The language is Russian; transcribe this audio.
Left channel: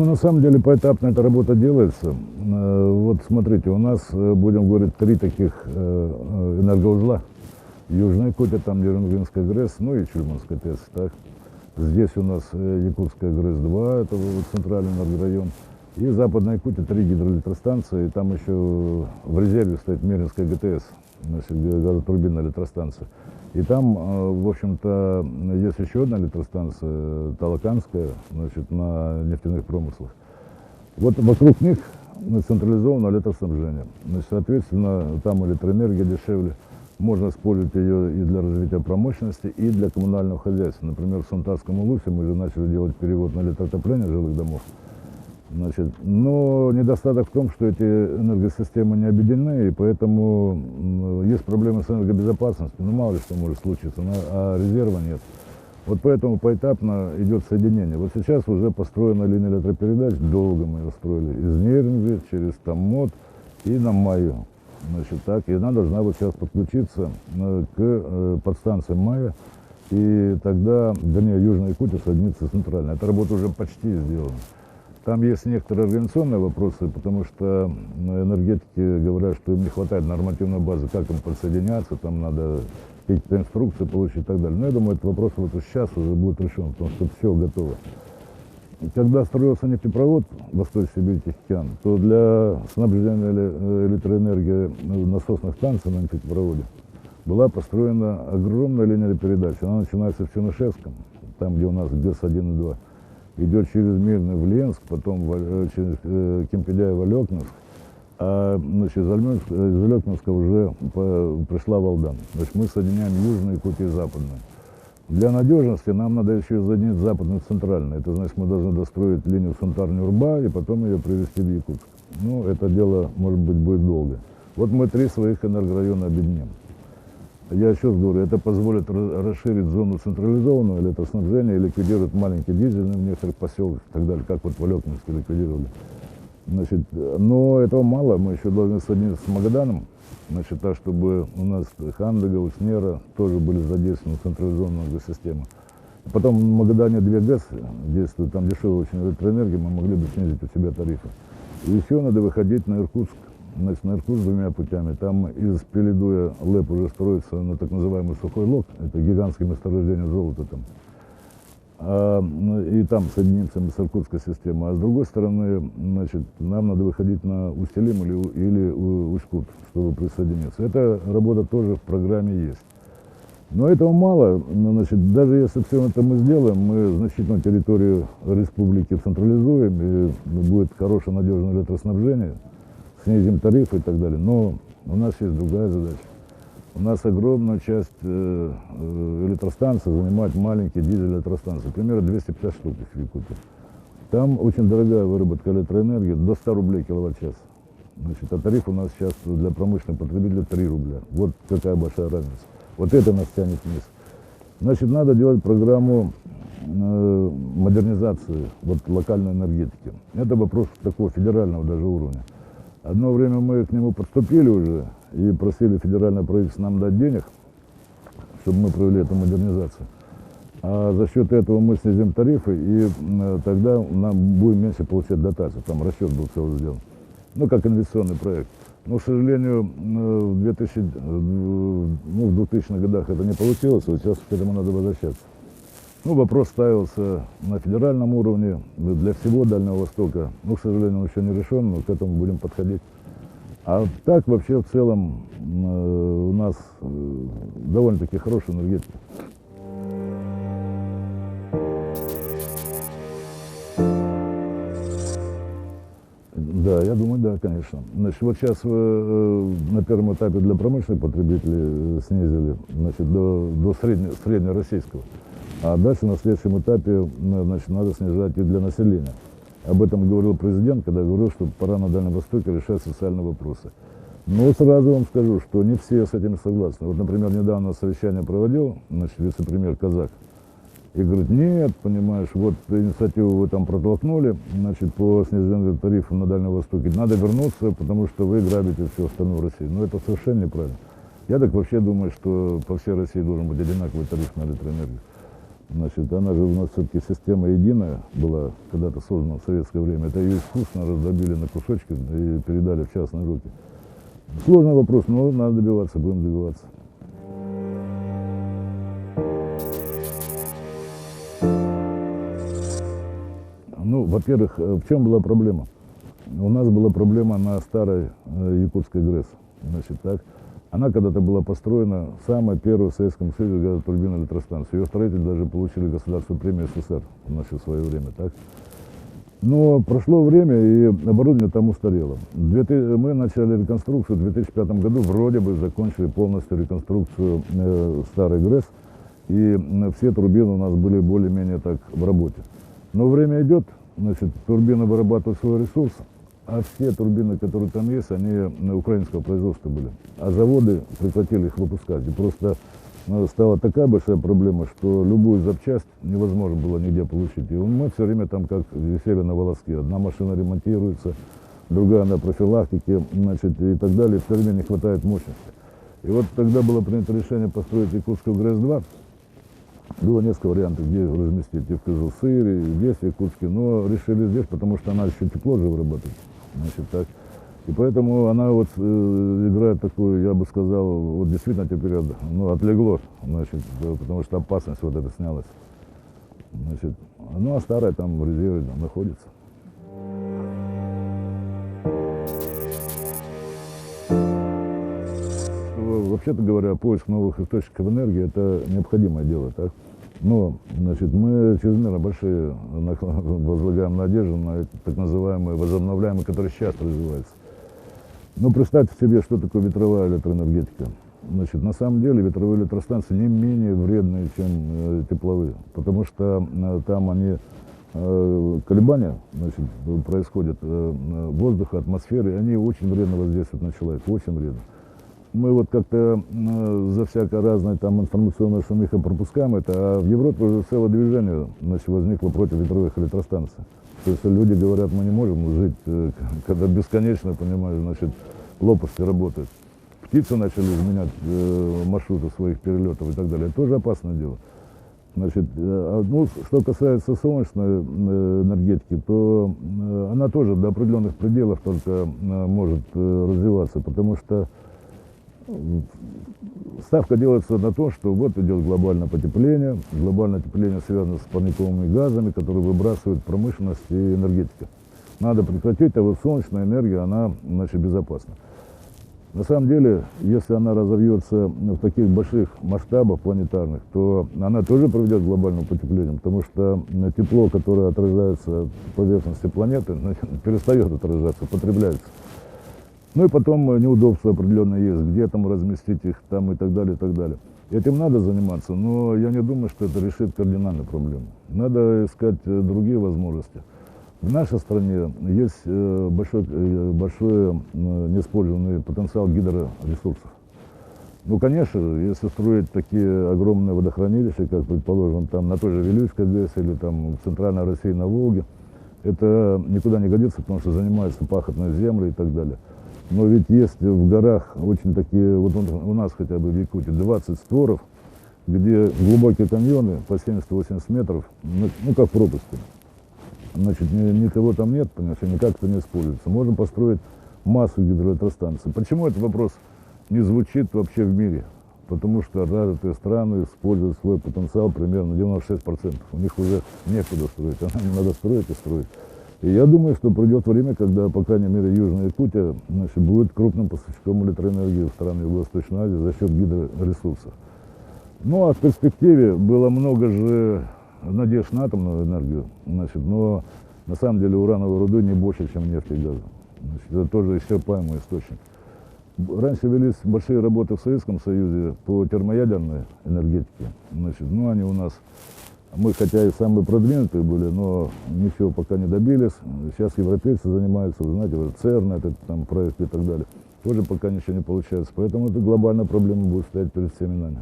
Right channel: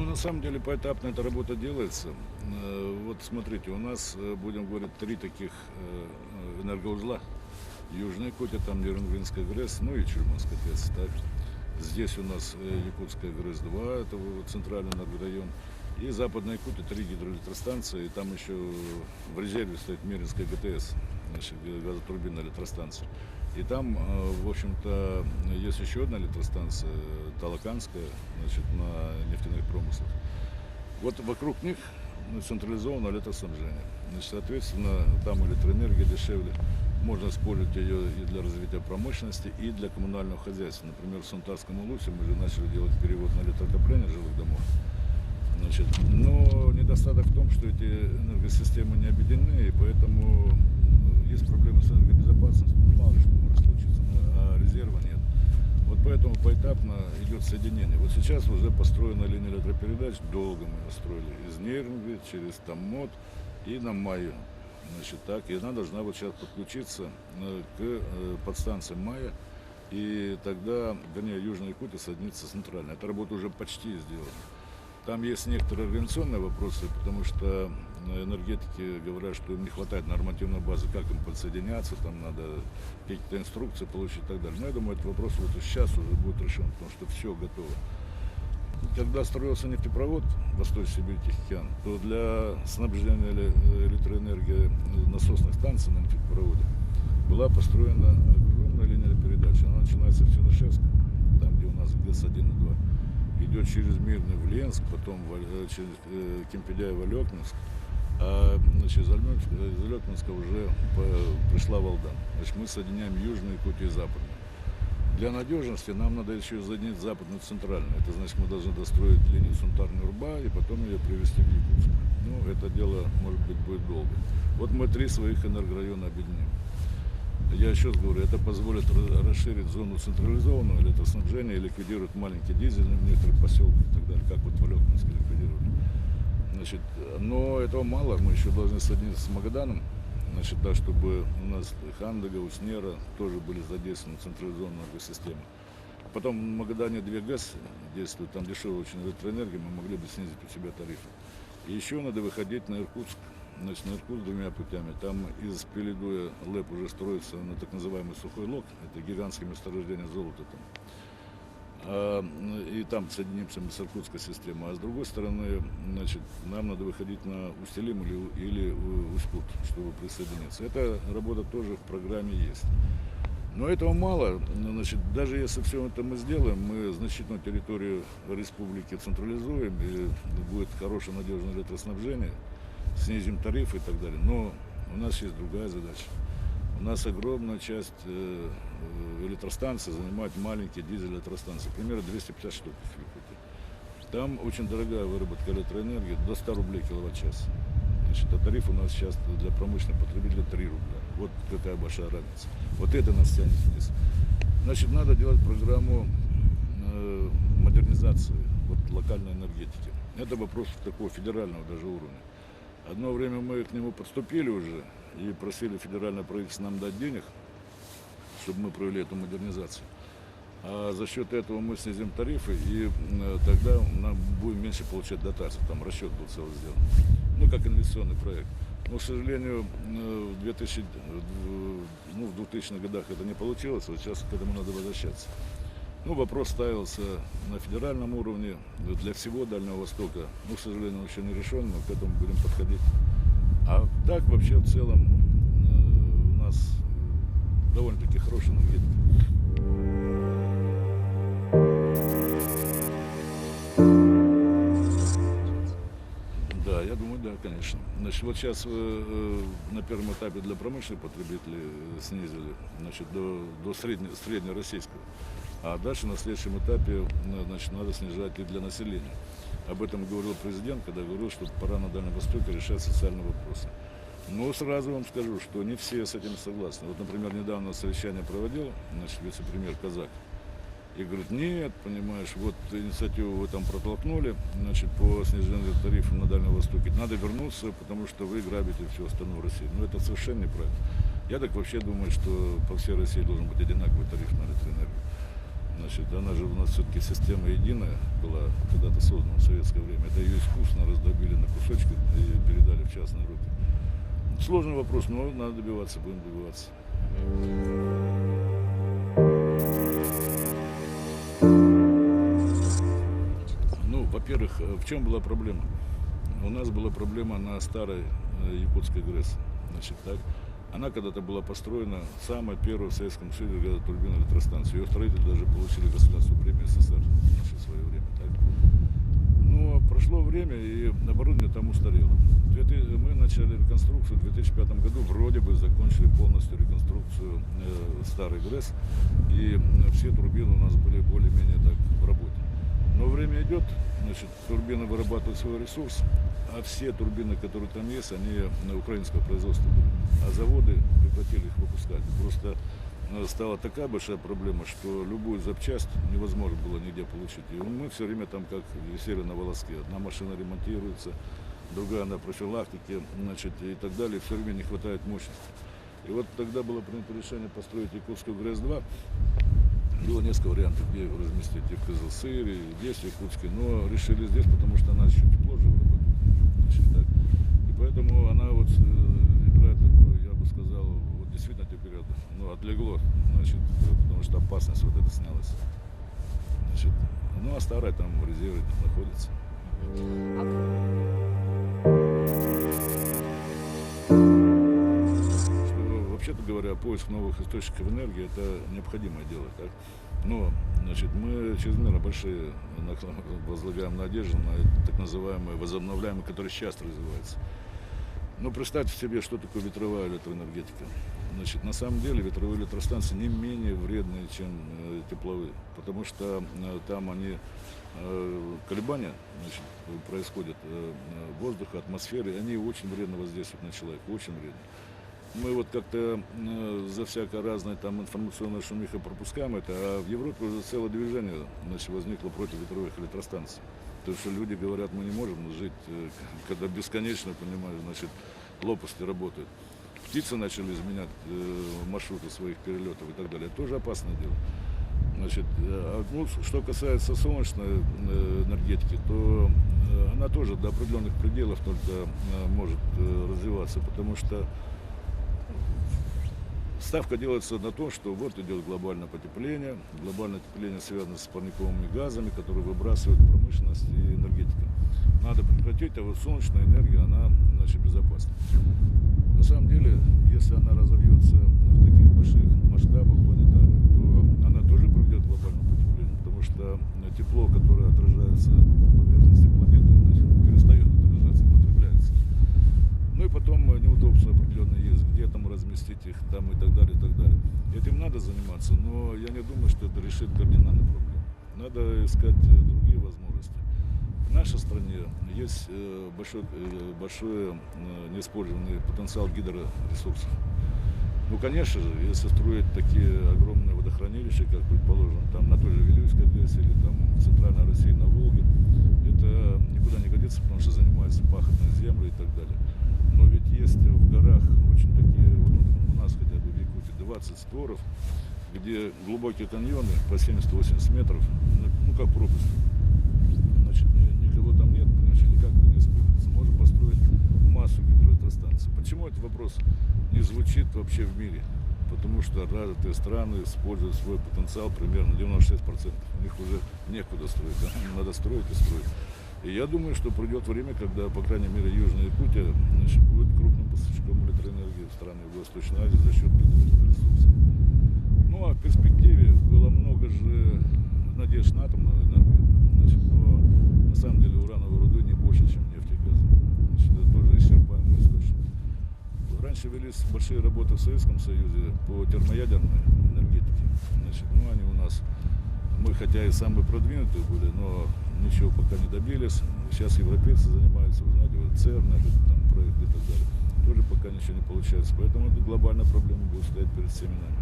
Ну, на самом деле, поэтапно эта работа делается. Вот смотрите, у нас, будем говорить, три таких энергоузла. Южная Кутя, там Нерюнгринская ГРЭС, ну и Чульманская ТЭЦ. Так. Здесь у нас Якутская ГРЭС-2, это вот центральный энергорайон. И Западная Якутия, 3 гидроэлектростанции, и там еще в резерве стоит Меринская ГТС, значит, газотурбинная электростанция. И там, в общем-то, есть еще одна электростанция, Талаканская, значит, на нефтяных промыслах. Вот вокруг них централизованное электроснабжение. Значит, соответственно, там электроэнергия дешевле. Можно использовать ее и для развития промышленности, и для коммунального хозяйства. Например, в Сунтарском Улусе мы же начали делать перевод на электроотопление жилых домов. Значит, но недостаток в том, что эти энергосистемы не объединены, и поэтому есть проблемы с энергобезопасностью, ну мало ли что может случиться, а резерва нет. Вот поэтому поэтапно идет соединение. Вот сейчас уже построена линия электропередач, долго мы ее строили, из Нерюнгри через Томмот и на Майю. Значит, так, и она должна вот сейчас подключиться к подстанции Майя, и тогда, вернее, Южная Якутия соединится с центральной. Эта работа уже почти сделана. Там есть некоторые организационные вопросы, потому что энергетики говорят, что им не хватает нормативной базы, как им подсоединяться, там надо какие-то инструкции получить и так далее. Но я думаю, этот вопрос вот сейчас уже будет решен, потому что все готово. Когда строился нефтепровод Восточно-Сибирь-Тихоокеан, то для снабжения электроэнергии насосных станций на нефтепроводе была построена огромная линия передач. Она начинается в Тянышевском, там, где у нас ГЭС-1 и 2. Идет через Мирный в Ленск, потом через Кемпеляево, Лекнинск, а значит, из Лекнинска уже пришла Валдан. Значит, мы соединяем Южную Якутию и Западную. Для надежности нам надо еще соединить Западную и Центральную. Это значит, мы должны достроить линию Сунтар-Нюрба и потом ее привести в Якутск. Ну, это дело, может быть, будет долго. Вот мы 3 своих энергорайона объединим. Я еще раз говорю, это позволит расширить зону централизованного электроснабжения и ликвидирует маленькие дизельные в некоторых поселках и так далее, как вот в Алекнинске ликвидировали. Значит, но этого мало, мы еще должны соединиться с Магаданом, значит, так, чтобы у нас Хандага, Уснера тоже были задействованы в централизованную энергосистему. Потом в Магадане 2 ГЭС действуют, там дешевая очень электроэнергия, мы могли бы снизить у себя тарифы. И еще надо выходить на Иркутск. Значит, на Иркутск 2 путями. Там из Пеледуя ЛЭП уже строится на так называемый сухой лог. Это гигантское месторождение золота там. И там соединимся мы с Иркутской системой. А с другой стороны, значит, нам надо выходить на Усть-Илим или Усть-Кут, чтобы присоединиться. Эта работа тоже в программе есть. Но этого мало. Значит, даже если все это мы сделаем, мы значительную территорию республики централизуем, и будет хорошее надежное электроснабжение, снизим тарифы и так далее. Но у нас есть другая задача. У нас огромная часть электростанций занимает маленькие дизель-электростанции. Примерно 250 штук в Якутии. Там очень дорогая выработка электроэнергии, до 100 рублей киловатт-час. Значит, а тариф у нас сейчас для промышленных потребителей 3 рубля. Вот какая большая разница. Вот это нас тянет вниз. Значит, надо делать программу модернизации вот, локальной энергетики. Это вопрос такого федерального даже уровня. Одно время мы к нему подступили уже и просили федеральное правительство нам дать денег, чтобы мы провели эту модернизацию. А за счет этого мы снизим тарифы, и тогда нам будем меньше получать дотаций. Там расчет был целый сделан. Ну, как инвестиционный проект. Но, к сожалению, в 2000-х годах это не получилось, вот сейчас к этому надо возвращаться. Ну, вопрос ставился на федеральном уровне для всего Дальнего Востока. Ну, к сожалению, он еще не решен, но к этому будем подходить. А так, вообще, в целом, у нас довольно-таки хорошая энергетика. Да, я думаю, да, конечно. Значит, вот сейчас на первом этапе для промышленных потребителей снизили, значит, до среднероссийского. А дальше на следующем этапе, значит, надо снижать и для населения. Об этом говорил президент, когда говорил, что пора на Дальнем Востоке решать социальные вопросы. Но сразу вам скажу, что не все с этим согласны. Вот, например, недавно совещание проводил, значит, вице-премьер Казак. И говорит, нет, понимаешь, вот инициативу вы там протолкнули, значит, по снижению тарифов на Дальнем Востоке. Надо вернуться, потому что вы грабите все остальное в России. Но это совершенно неправильно. Я так вообще думаю, что по всей России должен быть одинаковый тариф на электроэнергию. Значит, она же у нас все-таки система единая была, когда-то создана в советское время. Это ее искусно раздробили на кусочки и передали в частные руки. Сложный вопрос, но надо добиваться, будем добиваться. Ну, во-первых, в чем была проблема? У нас была проблема на старой якутской ГРЭС. Значит, так. Она когда-то была построена, самая первая в Советском Союзе газотурбинная электростанция. Ее строители даже получили государственную премию СССР в свое время. Так. Но прошло время, и оборудование там устарело. Мы начали реконструкцию в 2005 году, вроде бы закончили полностью реконструкцию старой ГРЭС, и все турбины у нас были более-менее так в работе. Но время идет, значит, турбины вырабатывают свой ресурс, а все турбины, которые там есть, они украинского производства были. А заводы прекратили их выпускать. И просто стала такая большая проблема, что любую запчасть невозможно было нигде получить. И мы все время там как висели на волоске. Одна машина ремонтируется, другая на профилактике, значит, и так далее. Все время не хватает мощности. И вот тогда было принято решение построить якутскую ГРЭС-2. Было несколько вариантов, где ее разместить, и в Кызылсыре, и здесь, в Якутске, но решили здесь, потому что она еще тепло же вырабатывает. Значит, так. И поэтому она вот играет такую, я бы сказал, вот действительно теперь отлегло, значит, потому что опасность вот эта снялась. Значит, ну а старая там в резерве находится. Вообще-то говоря, поиск новых источников энергии – это необходимое дело. Так? Но значит, мы чрезмерно большие возлагаем надежды на так называемые возобновляемые, которые сейчас развиваются. Но представьте себе, что такое ветровая электроэнергетика. Значит, на самом деле ветровые электростанции не менее вредные, чем тепловые, потому что там они колебания, значит, происходят воздуха, атмосферы, и они очень вредно воздействуют на человека, очень вредно. Мы вот как-то за всякое разное там информационное шумиха пропускаем это, а в Европе уже целое движение, значит, возникло против ветровых электростанций. Потому что люди говорят, мы не можем жить, когда бесконечно, понимаешь, значит, лопасти работают. Птицы начали изменять маршруты своих перелетов и так далее. Это тоже опасное дело. Значит, ну, что касается солнечной энергетики, то она тоже до определенных пределов только может развиваться, потому что ставка делается на то, что вот идет глобальное потепление. Глобальное потепление связано с парниковыми газами, которые выбрасывают промышленность и энергетика. Надо прекратить, а вот солнечная энергия, она, значит, безопасна. На самом деле, если она разовьется в таких больших масштабах планетарных, то она тоже приведет к глобальному потеплению, потому что тепло, которое отражается от поверхности планеты, перестает отражаться, потребляется. Ну и потом неудобства определенные есть, где там разместить их там и так далее, и так далее. Этим надо заниматься, но я не думаю, что это решит кардинальную проблему. Надо искать другие возможности. В нашей стране есть большой неиспользованный потенциал гидроресурсов. Ну, конечно же, если строить такие огромные водохранилища, как, предположим, там на той же Вилюйской ГЭС или там в Центральной России на Волге, это никуда не годится, потому что занимаются пахотной землей и так далее. Но ведь есть в горах очень такие, вот у нас хотя бы в Якутии 20 створов, где глубокие каньоны по 70-80 метров, ну как пропасти. Значит, никого там нет, понимаешь, никак это не используется. Можем построить массу гидроэлектростанций. Почему этот вопрос не звучит вообще в мире? Потому что развитые страны используют свой потенциал примерно 96%. У них уже некуда строить, а надо строить и строить. И я думаю, что придет время, когда, по крайней мере, Южная Якутия, значит, будет крупным поставщиком электроэнергии в страны Юго-Восточной Азии за счет гидроресурсов. Ну а в перспективе было много же надежд на атомную энергию, значит, но на самом деле урановой руды не больше, чем нефть и газ. Значит, это тоже исчерпаемый источник. Раньше велись большие работы в Советском Союзе по термоядерной энергетике. Значит, ну они у нас, мы хотя и самые продвинутые были, но ничего пока не добились. Сейчас европейцы занимаются, вы знаете, вот ЦЕРН, этот там проект и так далее. Тоже пока ничего не получается. Поэтому эта глобальная проблема будет стоять перед всеми нами.